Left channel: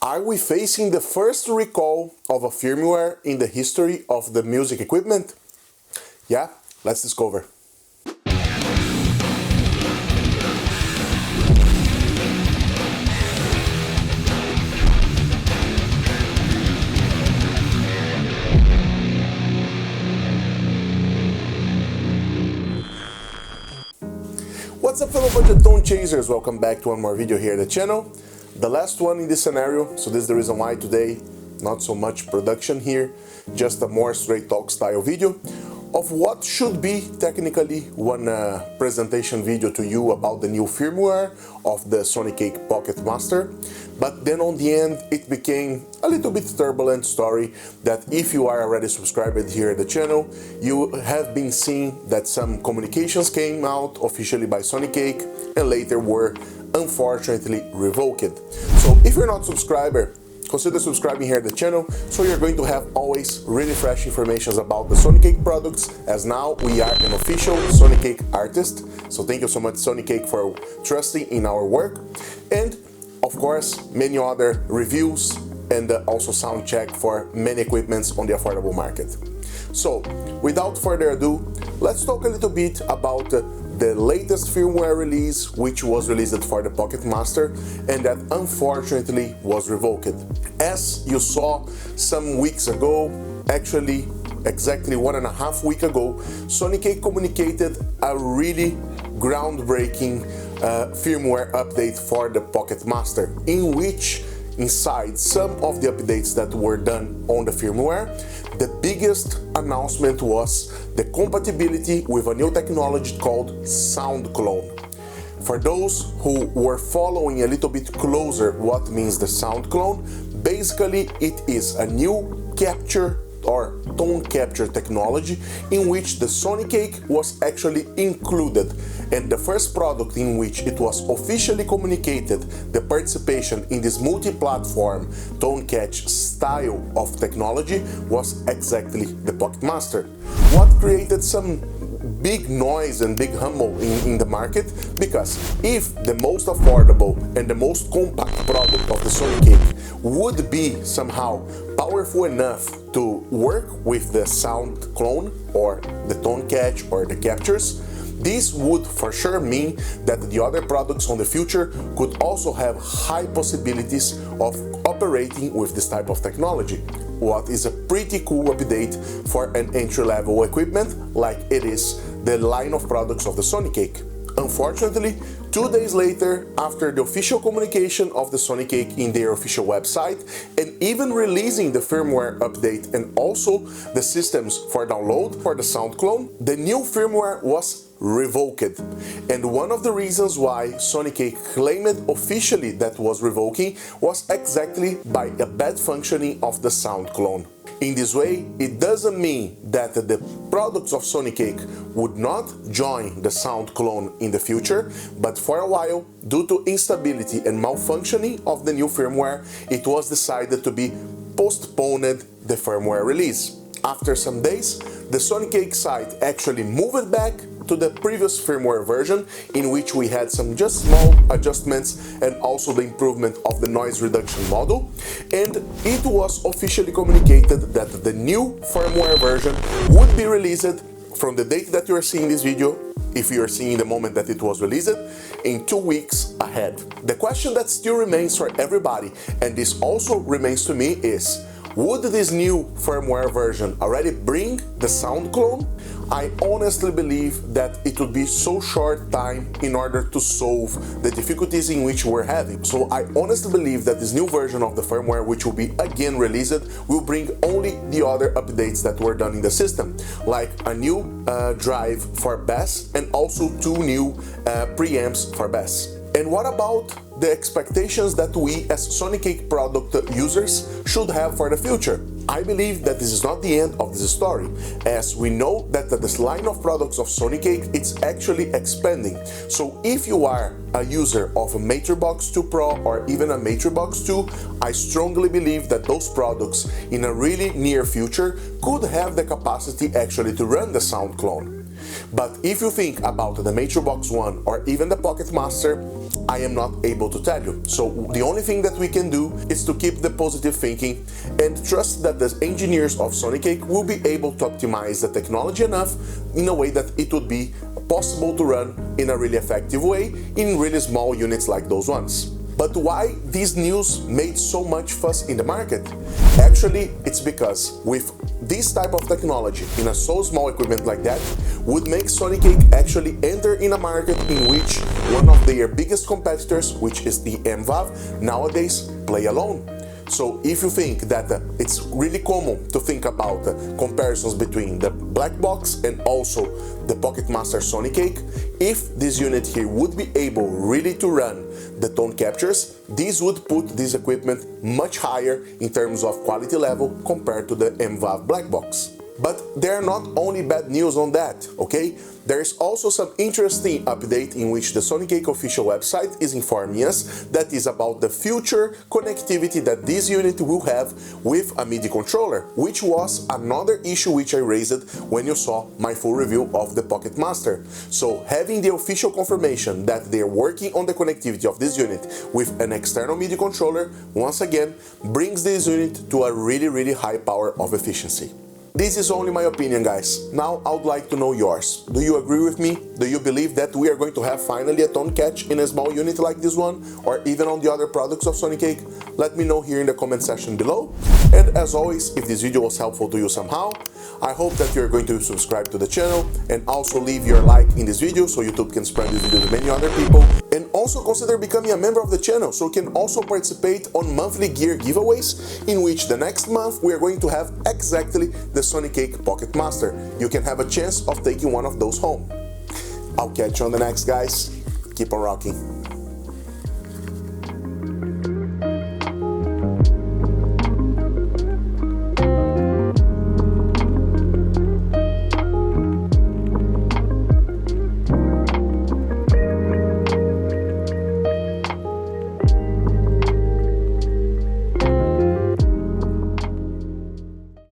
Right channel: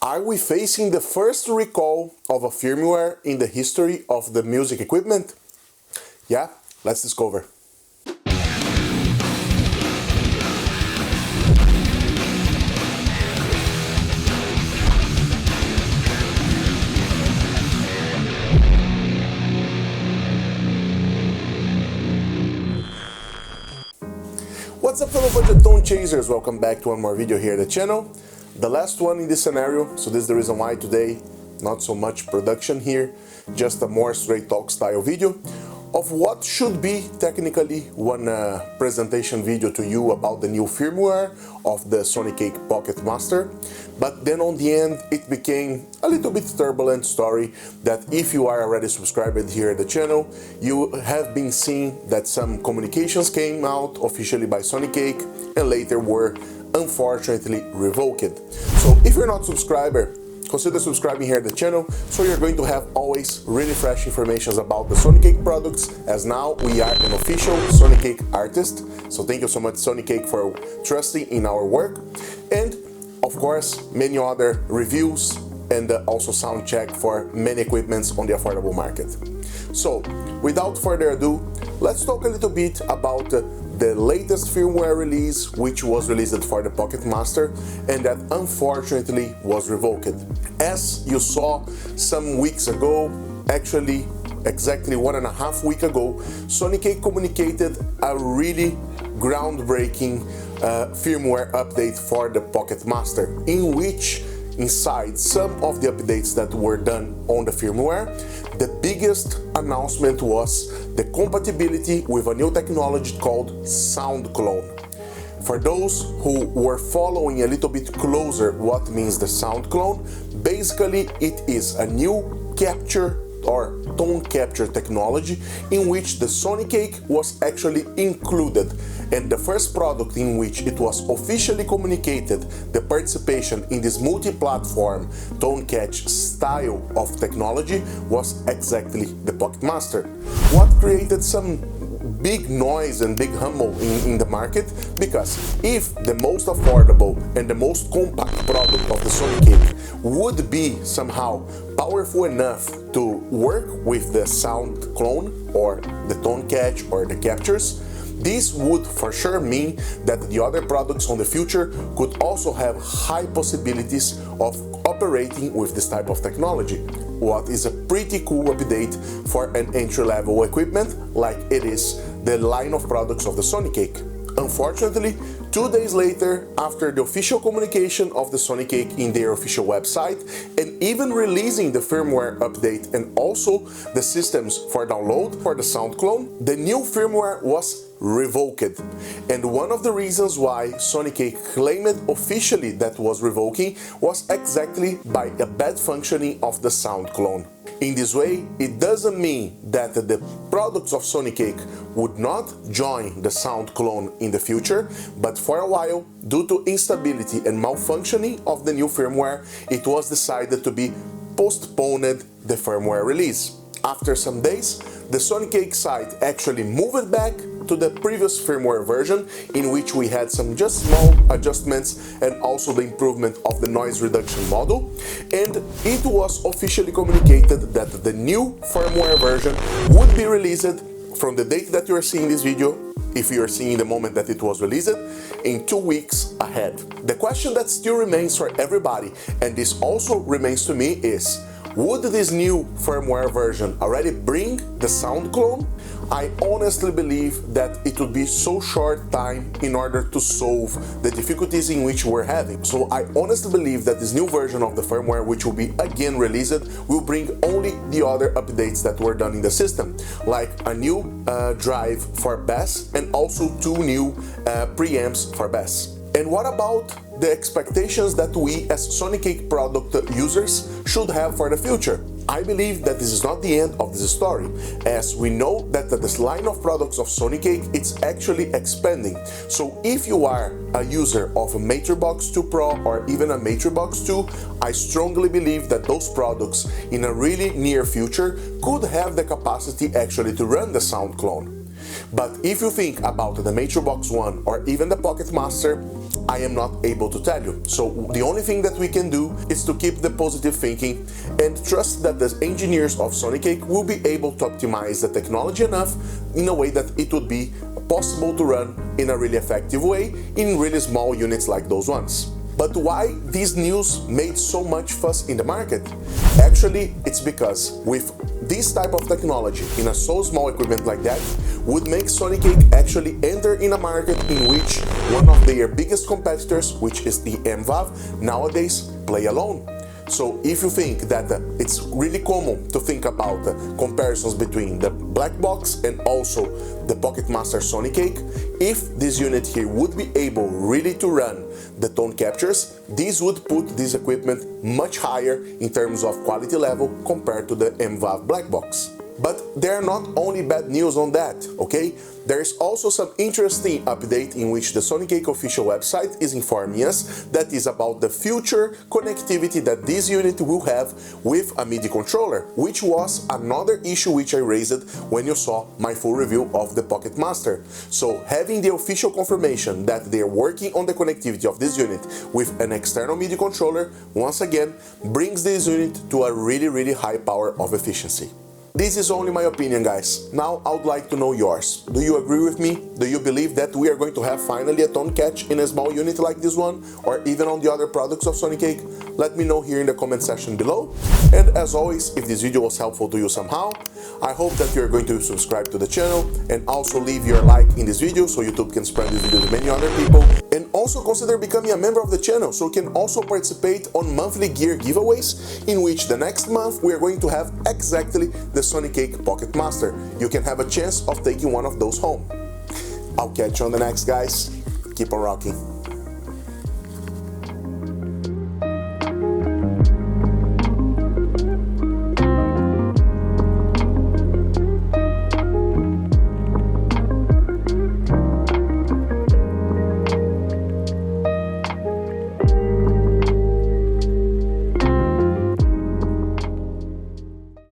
Are we facing the first recall of a firmware in the history of the music equipment? Yeah, let's discover. What's up, fellow budget tone chasers? Welcome back to one more video here at the channel. The last one in this scenario, so this is the reason why today not so much production here, just a more straight talk style video of what should be technically one presentation video to you about the new firmware of the Sonicake Pocket Master. But then on the end it became a little bit turbulent story that if you are already subscribed here at the channel, you have been seeing that some communications came out officially by Sonicake and later were unfortunately revoked. So if you're not subscriber, consider subscribing here at the channel, so you're going to have always really fresh information about the Sonicake products, as now we are an official Sonicake artist. So thank you so much, Sonicake, for trusting in our work. And of course, many other reviews and also sound check for many equipments on the affordable market. So without further ado, let's talk a little bit about the latest firmware release, which was released for the Pocket Master and that unfortunately was revoked. As you saw some weeks ago, actually exactly 1.5 weeks ago, Sonicake communicated a really groundbreaking firmware update for the Pocket Master, in which inside some of the updates that were done on the firmware, the biggest announcement was the compatibility with a new technology called sound clone. For those who were following a little bit closer what means the sound clone, basically it is a new capture or tone capture technology in which the Sonicake was actually included, and the first product in which it was officially communicated the participation in this multi-platform tone catch style of technology was exactly the Pocket Master. What created some big noise and big humble in the market, because if the most affordable and the most compact product of the Sonicake would be somehow powerful enough to work with the sound clone or the tone catch or the captures, this would for sure mean that the other products on the future could also have high possibilities of operating with this type of technology. What is a pretty cool update for an entry-level equipment like it is the line of products of the Sonicake. Unfortunately, 2 days later, after the official communication of the Sonicake in their official website and even releasing the firmware update and also the systems for download for the sound clone, the new firmware was revoked. And one of the reasons why Sonicake claimed officially that was revoking was exactly by a bad functioning of the sound clone. In this way, it doesn't mean that the products of Sonicake would not join the sound clone in the future, but for a while, due to instability and malfunctioning of the new firmware, it was decided to be postponed the firmware release. After some days, the Sonicake site actually moved back to the previous firmware version, in which we had some just small adjustments and also the improvement of the noise reduction model, and it was officially communicated that the new firmware version would be released from the date that you are seeing this video, if you are seeing the moment that it was released, in 2 weeks ahead. The question that still remains for everybody, and this also remains to me, is would this new firmware version already bring the sound clone? I honestly believe that it would be so short time in order to solve the difficulties in which we're having. So I honestly believe that this new version of the firmware, which will be again released, will bring only the other updates that were done in the system, like a new drive for bass and also 2 new preamps for bass. And what about the expectations that we as Sonicake product users should have for the future? I believe that this is not the end of this story, as we know that this line of products of Sonicake, it's actually expanding. So if you are a user of a Matrixbox 2 Pro or even a Matrixbox 2, I strongly believe that those products in a really near future could have the capacity actually to run the sound clone. But if you think about the Matrix 1 or even the Pocket Master, I am not able to tell you. So the only thing that we can do is to keep the positive thinking and trust that the engineers of Sonicake will be able to optimize the technology enough in a way that it would be possible to run in a really effective way in really small units like those ones. But why this news made so much fuss in the market? Actually, it's because with this type of technology in a so small equipment like that would make Sonicake actually enter in a market in which one of their biggest competitors, which is the MVAV, nowadays play alone. So if you think that it's really common to think about comparisons between the black box and also the Pocket Master Sonicake, if this unit here would be able really to run the tone captures, this would put this equipment much higher in terms of quality level compared to the MVAV black box. But there are not only bad news on that, okay? There's also some interesting update in which the Sonicake official website is informing us that is about the future connectivity that this unit will have with a MIDI controller, which was another issue which I raised when you saw my full review of the Pocket Master. So having the official confirmation that they're working on the connectivity of this unit with an external MIDI controller, once again, brings this unit to a really high power of efficiency. This is only my opinion, guys. Now I would like to know yours. Do you agree with me? Do you believe that we are going to have finally a tone catch in a small unit like this one, or even on the other products of Sonicake? Let me know here in the comment section below. And as always, if this video was helpful to you somehow, I hope that you're going to subscribe to the channel and also leave your like in this video so YouTube can spread this video to many other people. And also consider becoming a member of the channel so you can also participate on monthly gear giveaways, in which the next month we are going to have exactly the Sonicake Pocket Master. You can have a chance of taking one of those home. I'll catch you on the next, guys. Keep on rocking.